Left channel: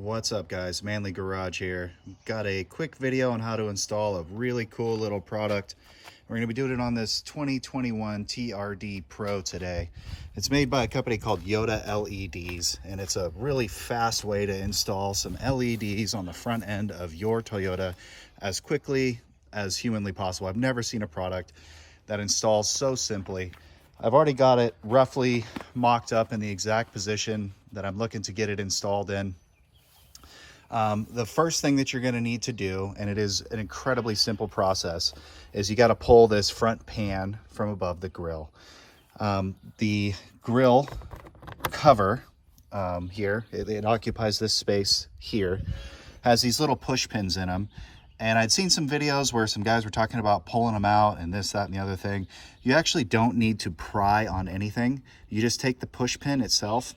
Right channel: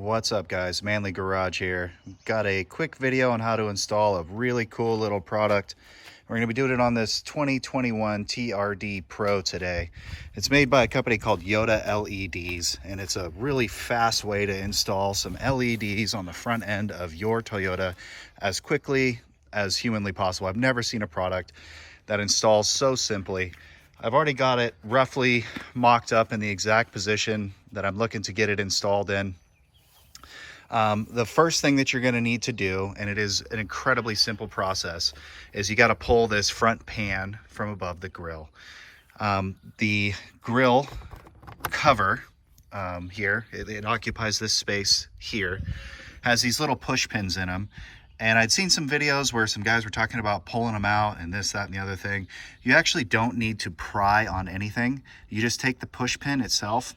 What's up guys, Manly Garage here. Got a quick video on how to install a really cool little product. We're going to be doing it on this 2021 TRD Pro today. It's made by a company called Yoda LEDs, and it's a really fast way to install some LEDs on the front end of your Toyota as quickly as humanly possible. I've never seen a product that installs so simply. I've already got it roughly mocked up in the exact position that I'm looking to get it installed in. The first thing that you're going to need to do, and it is an incredibly simple process, is you got to pull this front pan from above the grill. The grill cover here, it occupies this space here, has these little push pins in them. And I'd seen some videos where some guys were talking about pulling them out and this, that, and the other thing. You actually don't need to pry on anything. You just take the push pin itself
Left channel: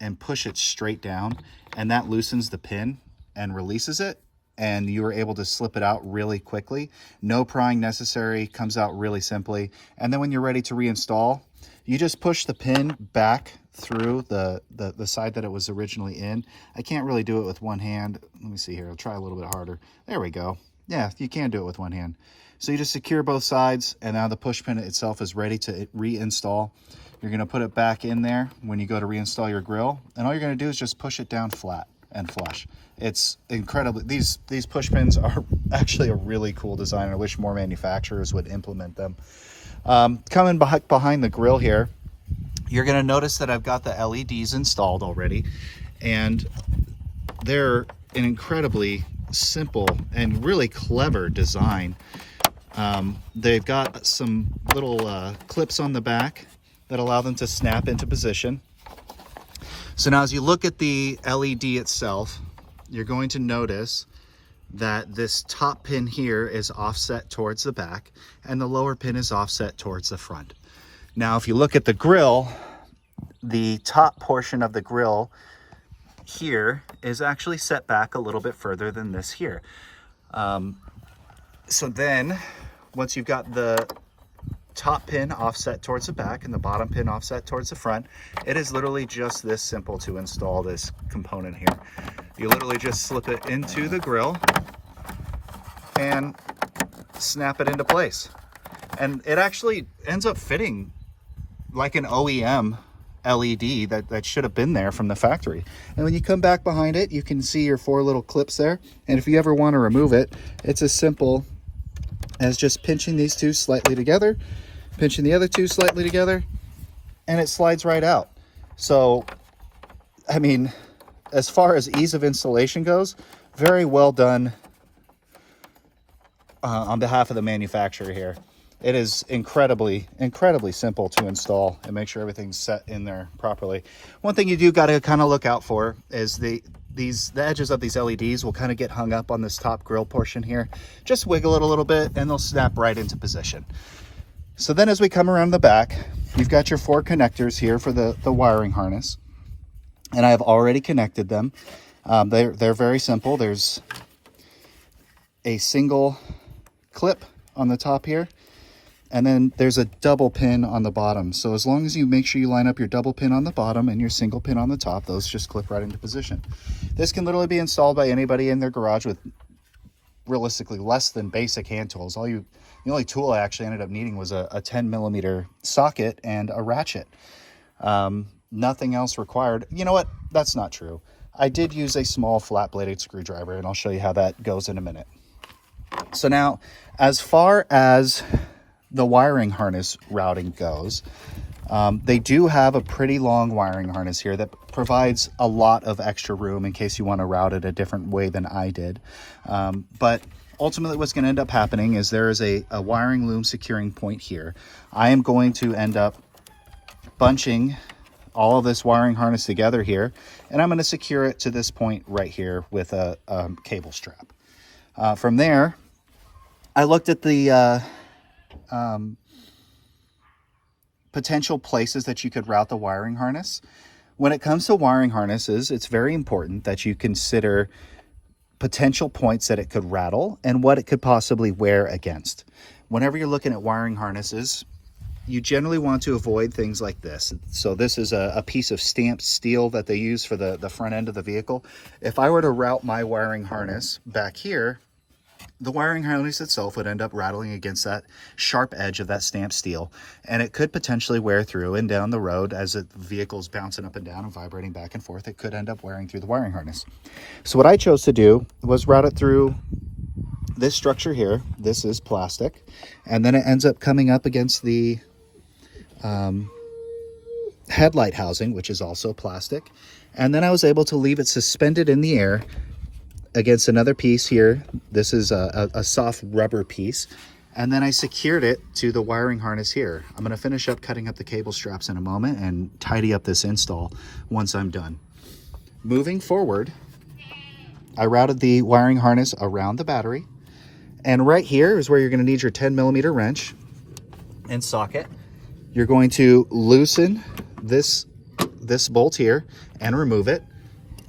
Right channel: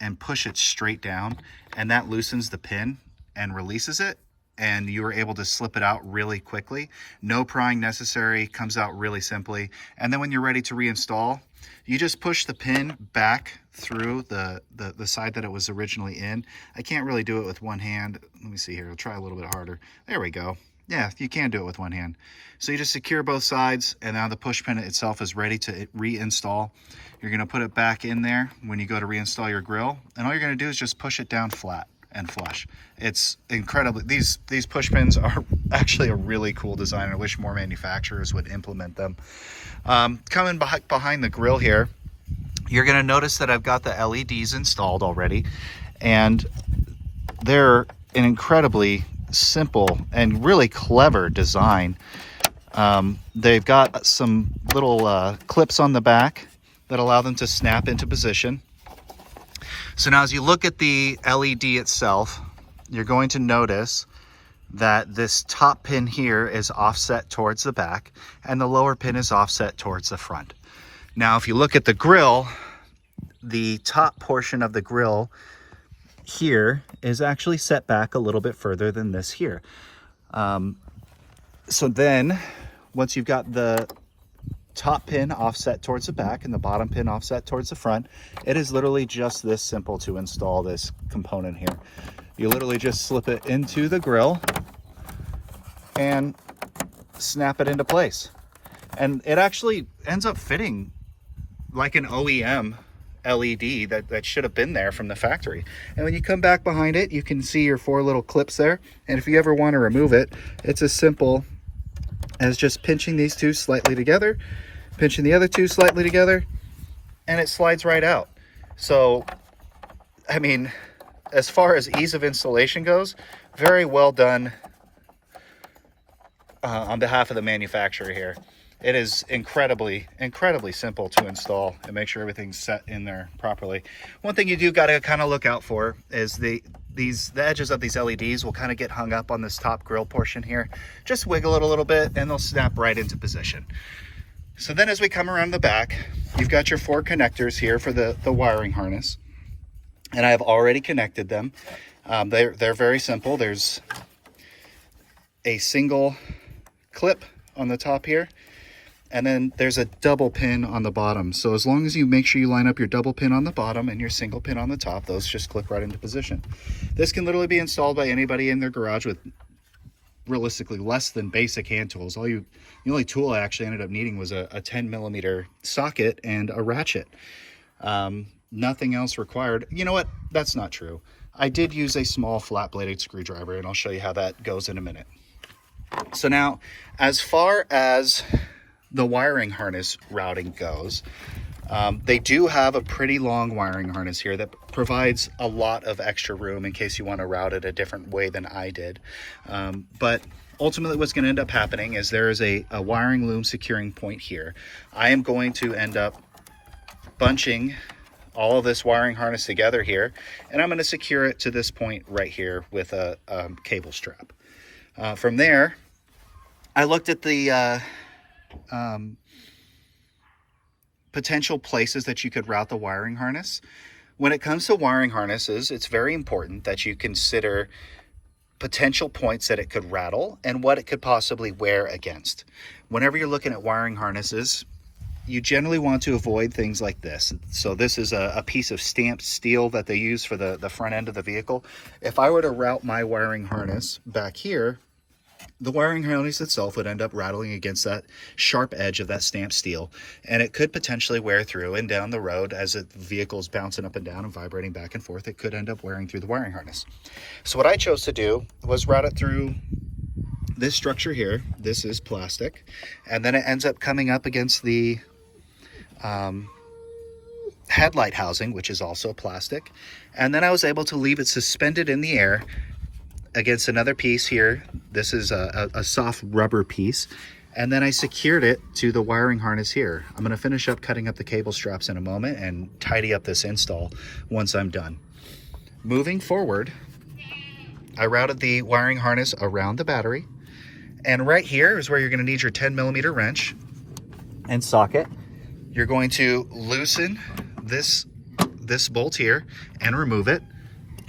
and push it straight down, and that loosens the pin and releases it, and you are able to slip it out really quickly. No prying necessary, comes out really simply. And then when you're ready to reinstall, you just push the pin back through the side that it was originally in. I can't really do it with one hand. Let me see here, I'll try a little bit harder. There we go. Yeah, you can do it with one hand. So you just secure both sides, and now the push pin itself is ready to reinstall. You're gonna put it back in there when you go to reinstall your grill, and all you're gonna do is just push it down flat and flush. It's incredibly, these push pins are actually a really cool design. I wish more manufacturers would implement them. Coming behind the grill here, you're going to notice that I've got the LEDs installed already, and they're an incredibly simple and really clever design. They've got some little clips on the back that allow them to snap into position. So now as you look at the LED itself, you're going to notice that this top pin here is offset towards the back and the lower pin is offset towards the front. Now, if you look at the grill, the top portion of the grill here is actually set back a little bit further than this here. So then once you've got the top pin offset towards the back and the bottom pin offset towards the front, it is literally just this simple to install this component here. You literally just slip it into the grill and snap it into place. And it actually ends up fitting like an OEM LED that should have been there from the factory. And when you come back behind it, you can see your 4 little clips there. And if you ever want to remove it, it's as simple as just pinching these 2 slightly together, pinching the other 2 slightly together, and it slides right out. So, I mean, as far as ease of installation goes, very well done on behalf of the manufacturer here. It is incredibly simple to install and make sure everything's set in there properly. One thing you do got to kind of look out for is the edges of these LEDs will kind of get hung up on this top grill portion here. Just wiggle it a little bit and they'll snap right into position. So then as we come around the back, you've got your 4 connectors here for the wiring harness. And I have already connected them. They're very simple. There's a single clip on the top here, and then there's a double pin on the bottom. So as long as you make sure you line up your double pin on the bottom and your single pin on the top, those just clip right into position. This can literally be installed by anybody in their garage with realistically less than basic hand tools. The only tool I actually ended up needing was a 10mm socket and a ratchet. Nothing else required. You know what? That's not true. I did use a small flat-bladed screwdriver, and I'll show you how that goes in a minute. So now, as far as the wiring harness routing goes, they do have a pretty long wiring harness here that provides a lot of extra room in case you want to route it a different way than I did. But ultimately what's going to end up happening is there is a wiring loom securing point here. I am going to end up bunching all of this wiring harness together here, and I'm going to secure it to this point right here with a cable strap. From there, I looked at the potential places that you could route the wiring harness. When it comes to wiring harnesses, it's very important that you consider potential points that it could rattle and what it could possibly wear against. Whenever you're looking at wiring harnesses, you generally want to avoid things like this. So this is a piece of stamped steel that they use for the front end of the vehicle. If I were to route my wiring harness back here, the wiring harness itself would end up rattling against that sharp edge of that stamped steel, and it could potentially wear through, and down the road as the vehicle's bouncing up and down and vibrating back and forth, it could end up wearing through the wiring harness. So what I chose to do was route it through this structure here. This is plastic, and then it ends up coming up against the headlight housing, which is also plastic. And then I was able to leave it suspended in the air against another piece here. This is a soft rubber piece. And then I secured it to the wiring harness here. I'm gonna finish up cutting up the cable straps in a moment and tidy up this install once I'm done. Moving forward, I routed the wiring harness around the battery. And right here is where you're gonna need your 10mm wrench and socket. You're going to loosen this bolt here and remove it.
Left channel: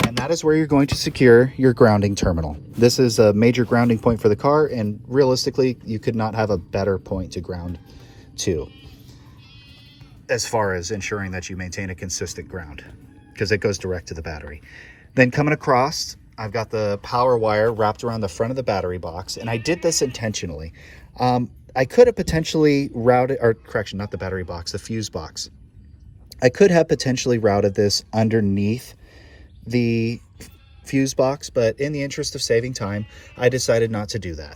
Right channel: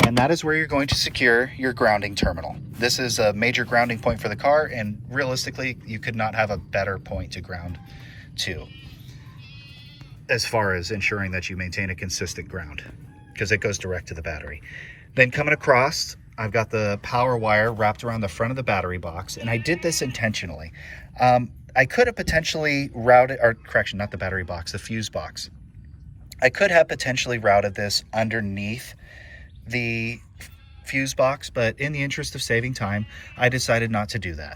And that is where you're going to secure your grounding terminal. This is a major grounding point for the car, and realistically, you could not have a better point to ground to, as far as ensuring that you maintain a consistent ground, because it goes direct to the battery. Then coming across, I've got the power wire wrapped around the front of the battery box, and I did this intentionally. I could have potentially routed, or correction, not the battery box, the fuse box. I could have potentially routed this underneath the fuse box, but in the interest of saving time, I decided not to do that.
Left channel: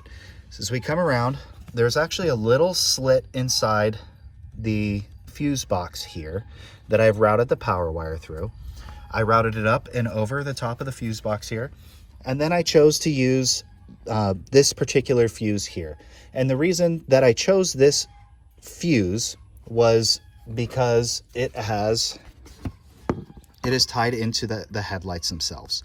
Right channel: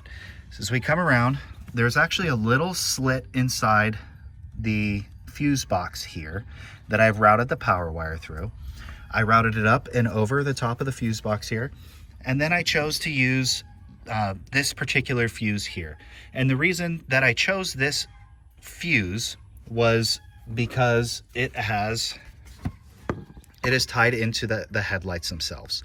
So as we come around, there's actually a little slit inside the fuse box here that I've routed the power wire through. I routed it up and over the top of the fuse box here, and then I chose to use this particular fuse here. And the reason that I chose this fuse was because it is tied into the headlights themselves.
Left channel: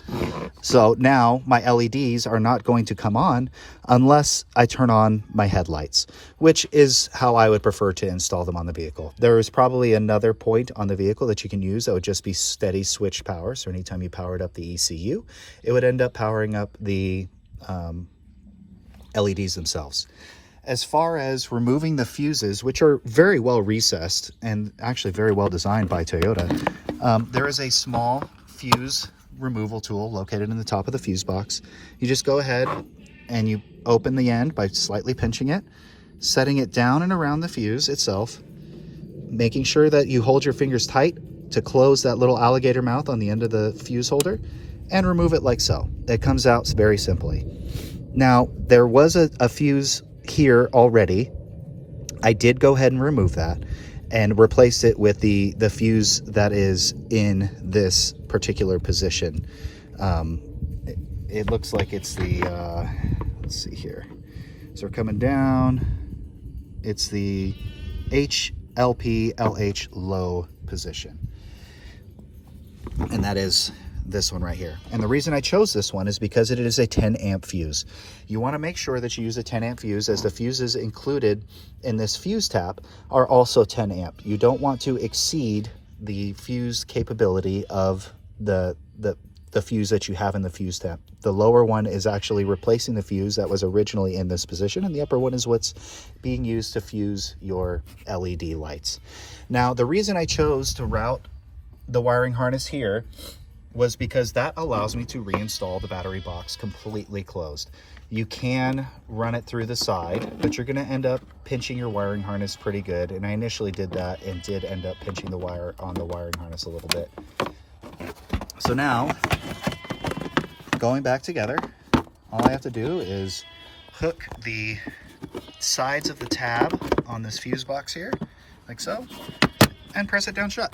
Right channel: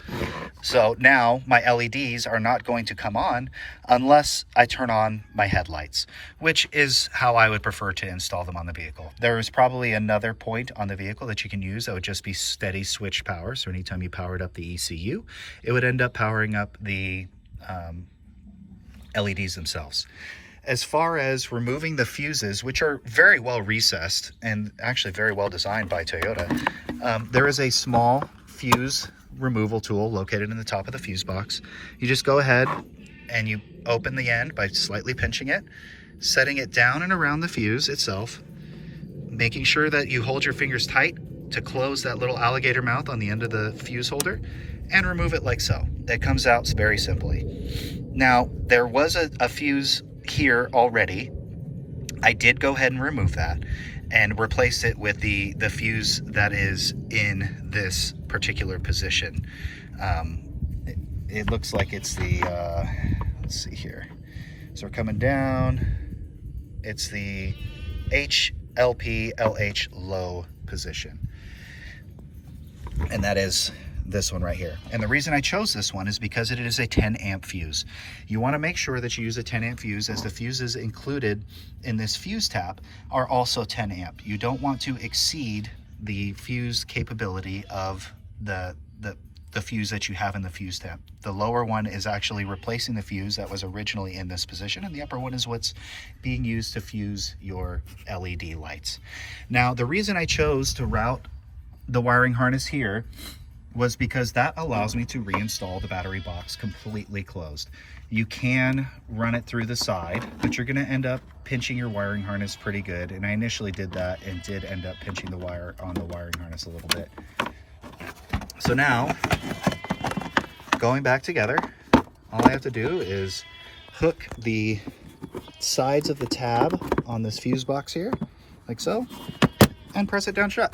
So now my LEDs are not going to come on unless I turn on my headlights, which is how I would prefer to install them on the vehicle. There is probably another point on the vehicle that you can use that would just be steady switch power. So anytime you powered up the ECU, it would end up powering up the LEDs themselves. As far as removing the fuses, which are very well recessed and actually very well designed by Toyota, there is a small fuse removal tool located in the top of the fuse box. You just go ahead and you open the end by slightly pinching it, setting it down and around the fuse itself, making sure that you hold your fingers tight to close that little alligator mouth on the end of the fuse holder, and remove it like so. It comes out very simply. Now, there was a fuse here already. I did go ahead and remove that and replace it with the fuse that is in this particular position. It looks like it's the let's see here, so we're coming down, it's the HLP-LH low position, and that is this one right here. And the reason I chose this one is because it is a 10 amp fuse. You want to make sure that you use a 10 amp fuse, as the fuses included in this fuse tap are also 10 amp. You don't want to exceed the fuse capability of the fuse that you have in the fuse tap. The lower one is actually replacing the fuse that was originally in this position, and the upper one is what's being used to fuse your LED lights. Now, the reason I chose to route the wiring harness here was because that allows me to reinstall the battery box completely closed. You can run it through the side, but you're gonna end up pinching your wiring harness pretty good. And I initially did that and did end up pinching the wire on the wiring harness a little bit. So now, going back together, all I have to do is hook the sides of the tab on this fuse box here, like so, and press it down shut.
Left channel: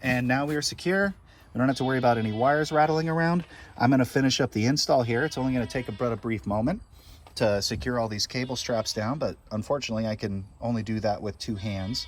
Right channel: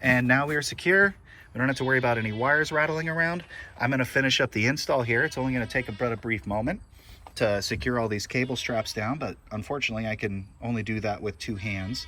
And now we are secure. We don't have to worry about any wires rattling around. I'm gonna finish up the install here. It's only gonna take a brief moment to secure all these cable straps down, but unfortunately I can only do that with 2 hands.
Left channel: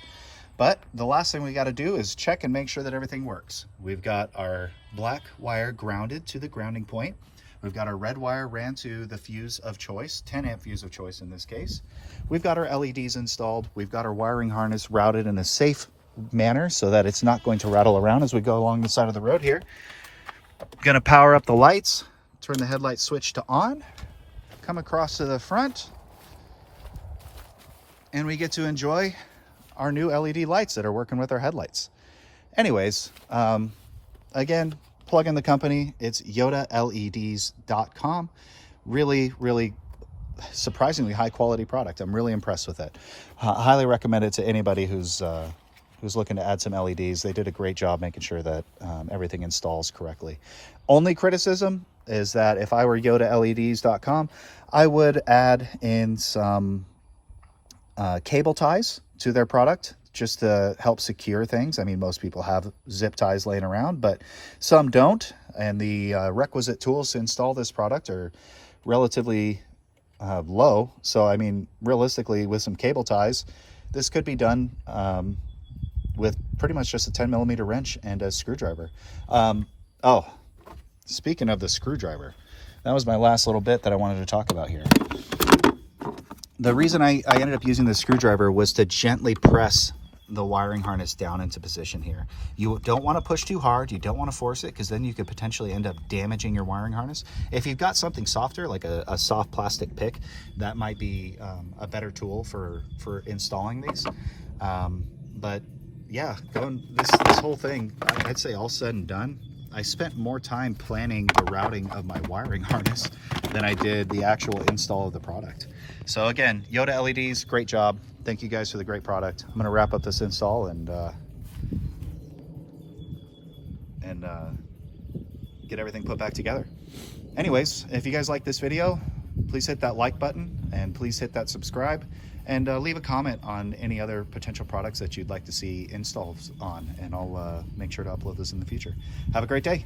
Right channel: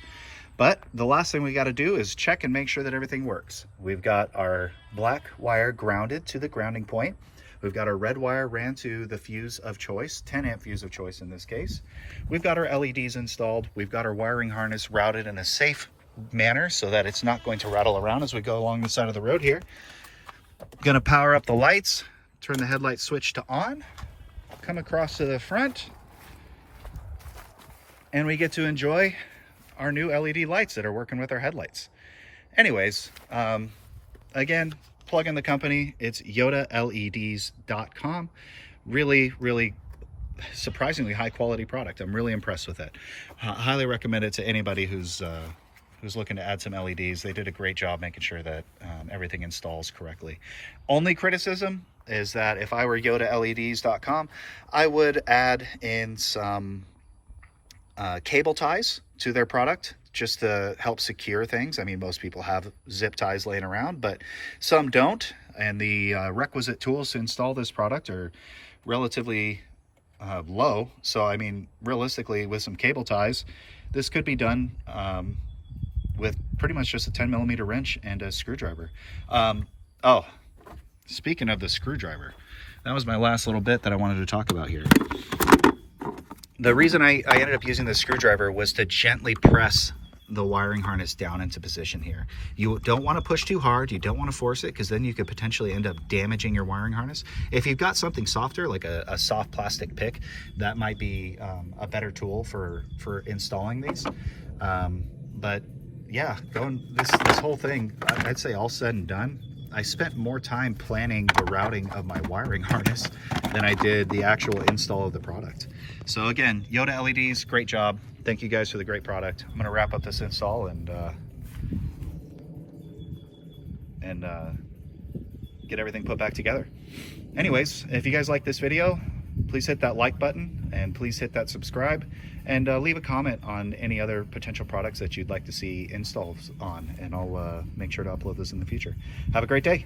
But the last thing we gotta do is check and make sure that everything works. We've got our black wire grounded to the grounding point. We've got our red wire ran to the fuse of choice, 10 amp fuse of choice in this case. We've got our LEDs installed. We've got our wiring harness routed in a safe manner so that it's not going to rattle around as we go along the side of the road here. Gonna power up the lights, turn the headlight switch to on, come across to the front, and we get to enjoy our new LED lights that are working with our headlights. Anyways, again, plug in the company. It's YodaLEDs.com. Really, really surprisingly high quality product. I'm really impressed with it. Highly recommend it to anybody who's looking to add some LEDs. They did a great job making sure that everything installs correctly. Only criticism is that if I were YodaLEDs.com, I would add in some cable ties to their product just to help secure things. I mean, most people have zip ties laying around, but some don't. And the requisite tools to install this product are relatively low. So, I mean, realistically, with some cable ties, this could be done with pretty much just a 10mm wrench and a screwdriver. Oh, speaking of the screwdriver, that was my last little bit that I wanted to talk about here. The reason I ended up using the screwdriver was to gently press the wiring harness down into position here. You don't want to push too hard. You don't want to force it, because then you could potentially end up damaging your wiring harness. If you've got something softer, like a soft plastic pick, that might be a better tool for installing these. But yeah, this whole thing, I'd say all said and done, I spent more time planning the routing of my wiring harness than I did the actual install of the product. So again, Yoda LEDs, great job. Thank you guys for the great product. I'm gonna wrap up this install and get everything put back together. Anyways, if you guys like this video, please hit that like button and please hit that subscribe, and leave a comment on any other potential products that you'd like to see installs on, and I'll make sure to upload those in the future. Have a great day.